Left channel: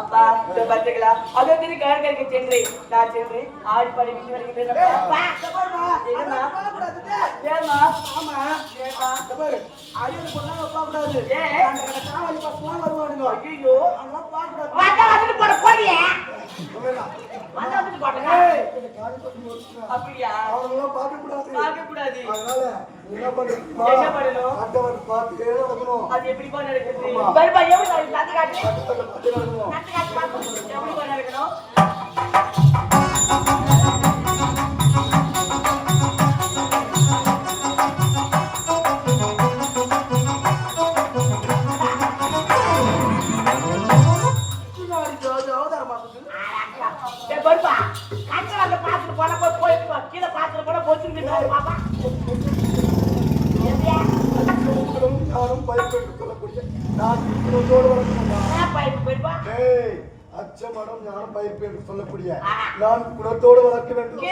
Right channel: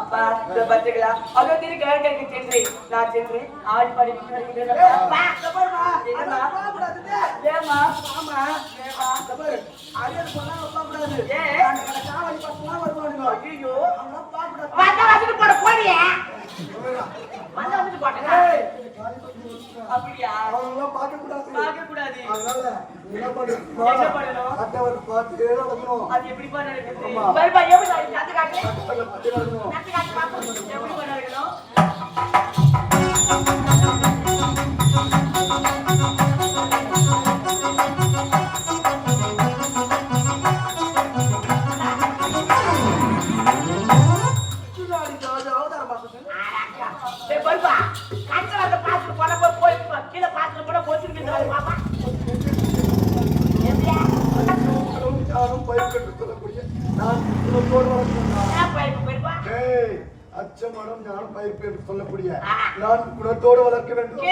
அப்பா பாத்துக்கலாம் அகத்திரி கடற்கரைக்கு சென்று நான் சென்று ஆடி பாடி விட்டு வருகிறேன். அப்படியா பார்க்க கூடாது. என்ன பண்ணணும்? அது எப்படி அச்சமடம் ஞான பயிர்ப்பு என்று சொல்லக்கூடிய நான் குணத்தோடு வளர்க்க வேண்டும்.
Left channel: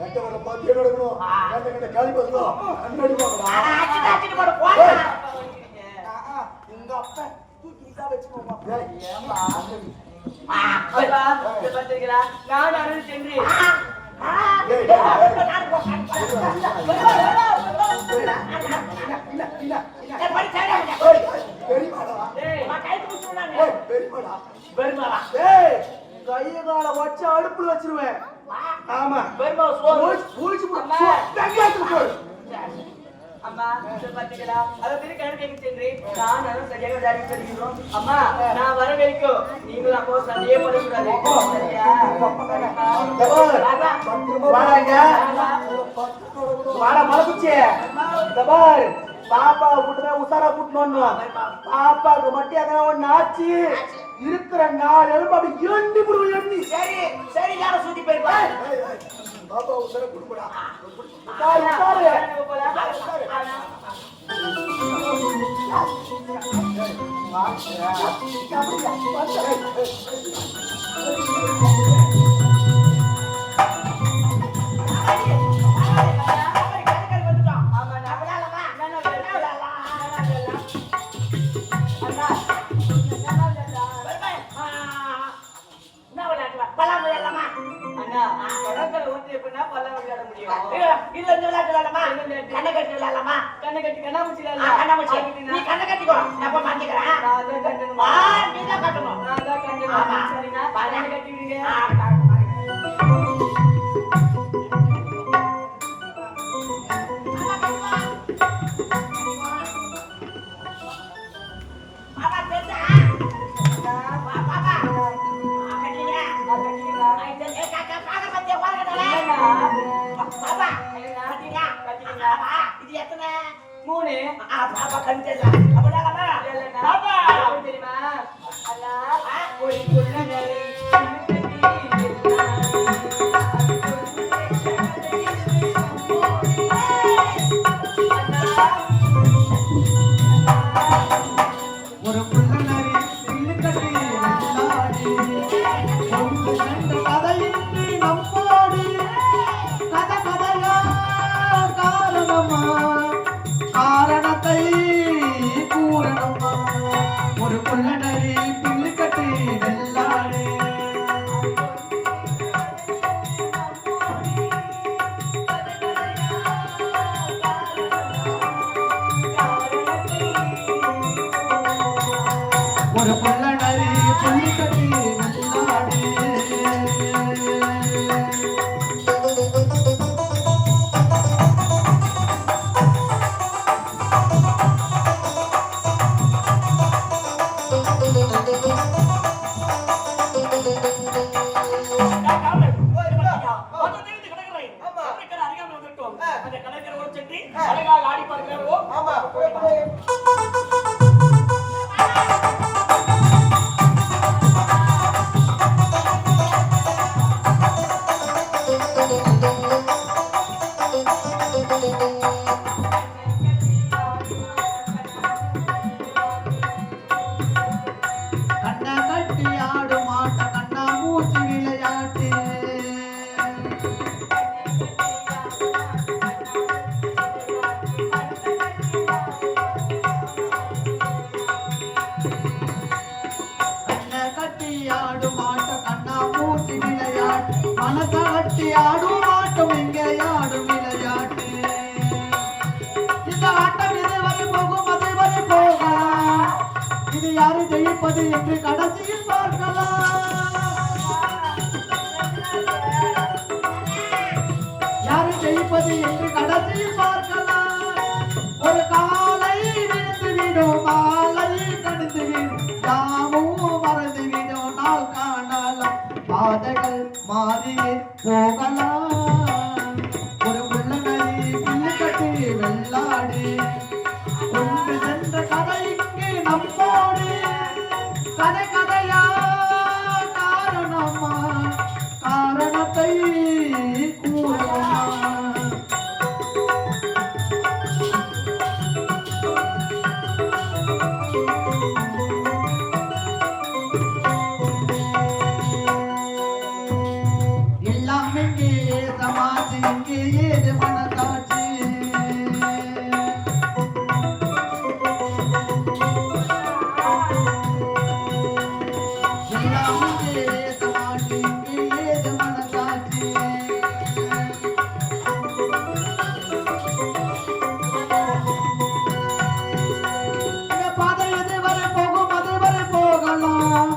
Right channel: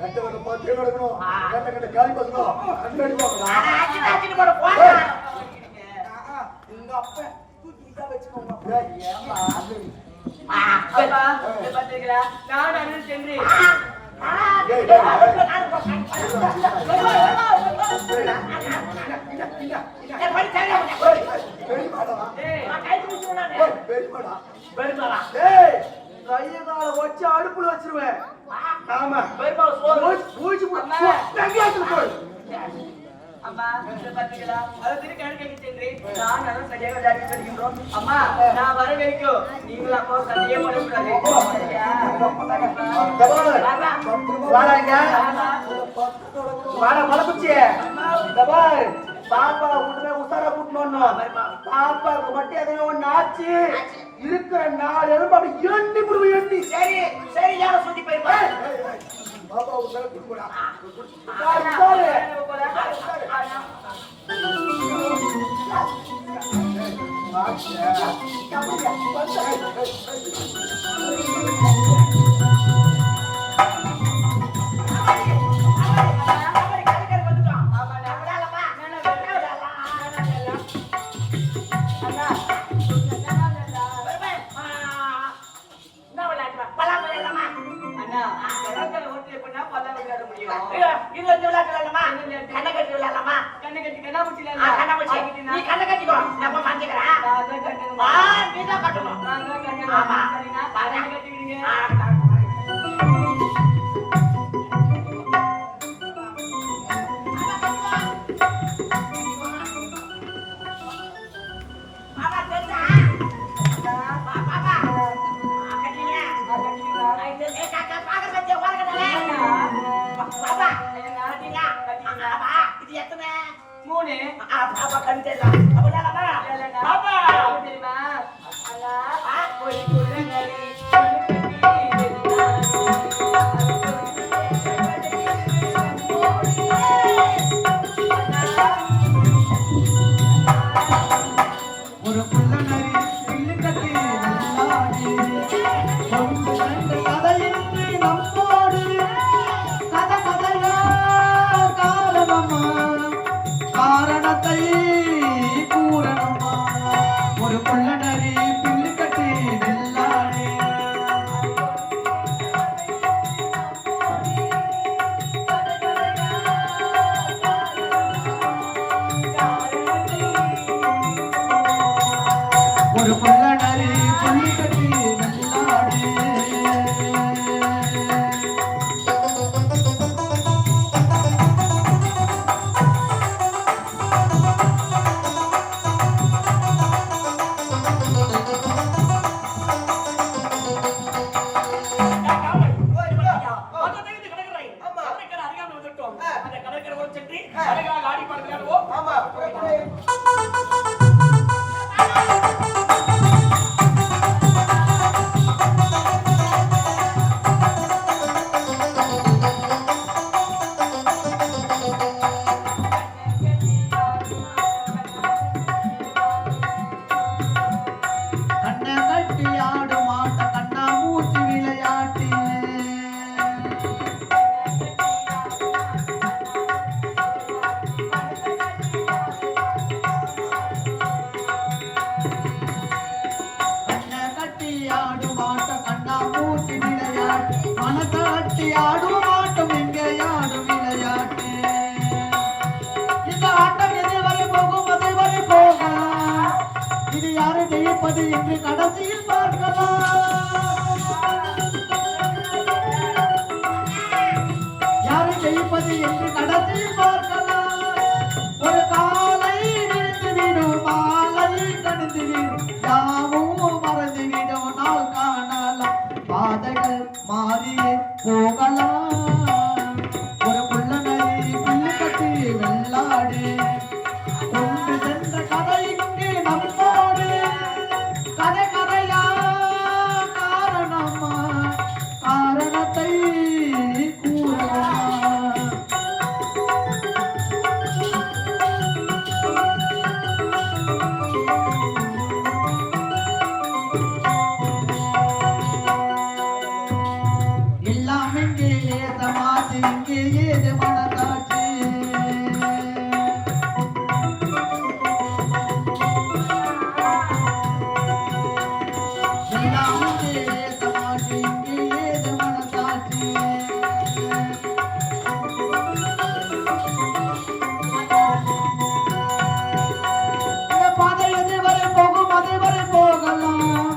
கட்டவரை பார்த்து நடக்கணும். கண்ட கண்ட காலி பசங்க கண்ணடி நான் சென்று கையகால வச்சு அடுப்புல வச்சிருவேன். ஆமா அம்மா பாத்தீங்களா அதை கணக்கு சென்று நான் சரியாக விளையாடி வருகின்றோம். அம்மா நான் வர வரைக்கும் நீங்களும் அப்போ சண்டையே பண்ணக்கூடாது. பாப்பா விட்டுமே உசாரா புட்டணும். பாப்பாவுக்கு மட்டும் எதனா ஒண்ணு ஆச்சு இருக்கிற 4 எலும்பு அப்படி எண்டி புடுவோம். எண்டி சரி சரி யார சுத்தி போயிருப்பேன். பாப்பா உசாரா புட்டுடா. தெரியுமா ஒரு புள்ள நரி புள்ளி கட்டி வெள்ளாடு ஆமா போயிட்டு கண்ண கட்டி ஆடும் ஆட்ட கண்ணா மூச்சு விளையாட்டு கண்ண கட்டி ஆடும் ஆட்ட கண்ணா மூச்சு விளையாட்டு மனத்தை கட்டி ஆடும் ஆட்டம் எங்கே ஆடும் விளையாட்டு இந்த ஆட்டம் எதுவரை போகும் அதுவரை போகலாம் இது யாரை ஜெயிப்பது என்று கடைசியில் பார்க்கலாம் யாரை ஜெயிப்பது என்று கடைசியில் பார்க்கலாம் ஒரு காலை விழுந்து விடும் மாலை கணிந்து விடும் யாவும் மறந்து விடும் நாள் காணலாம் பாதைகள் மாறியே போகலாம் ஒரு புள்ள நரி புள்ளி கட்டி வெள்ளாடு கொண்டு சென்ற கதை இங்கே நம்மோடு கதை கதையா காரணமா காரணத்தை கூறமா எல்லாம் எங்கே சமாதி இங்கே ஏது மனசாட்சி எல்லாம் இங்கே சமாதி இங்கே ஏது மனசாட்சி இந்த பாதை எதுவரை போகும் அதுவரை போகலாம்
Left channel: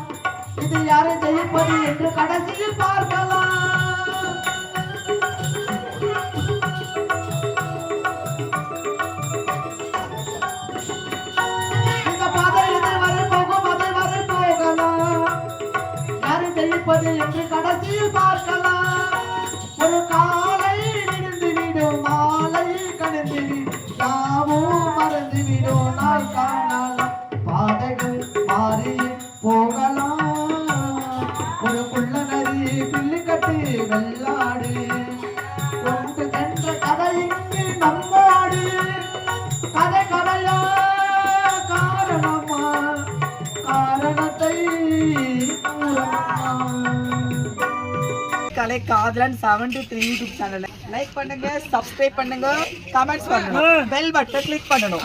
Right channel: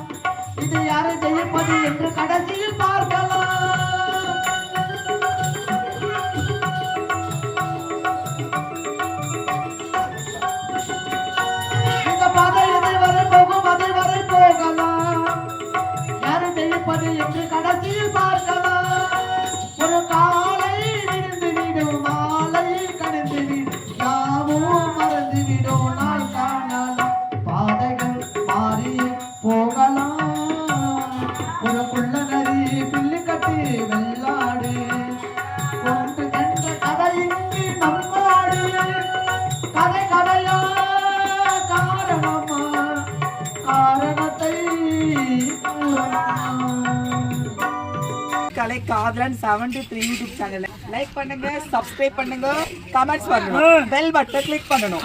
இது யாரை ஜெயிப்பது என்று கடைசியில் பார்க்கலாம் இந்த பாதை எதுவரை போகும் அதுவரை போகலாம் யாரை ஜெயிப்பது என்று கடைசியில் பார்க்கலாம் ஒரு காலை விழுந்து விடும் மாலை கணிந்து விடும் யாவும் மறந்து விடும் நாள் காணலாம் பாதைகள் மாறி போகலாம் ஒரு புள்ள நரி பில்லி கட்டி வெள்ளாடு கொண்டு சென்ற கதை இங்கு நம்மோடு கதை கதையா காரணமா காரணத்தை கலை காதலன் 73 யூடியூப் சேனல் லைக் பண்ணுங்க, சப்ஸ்கிரைப் பண்ணுங்க, கமெண்ட்ஸ் பண்ணுங்க, பெல் பட்டன் கிளிக் பண்ணணும்.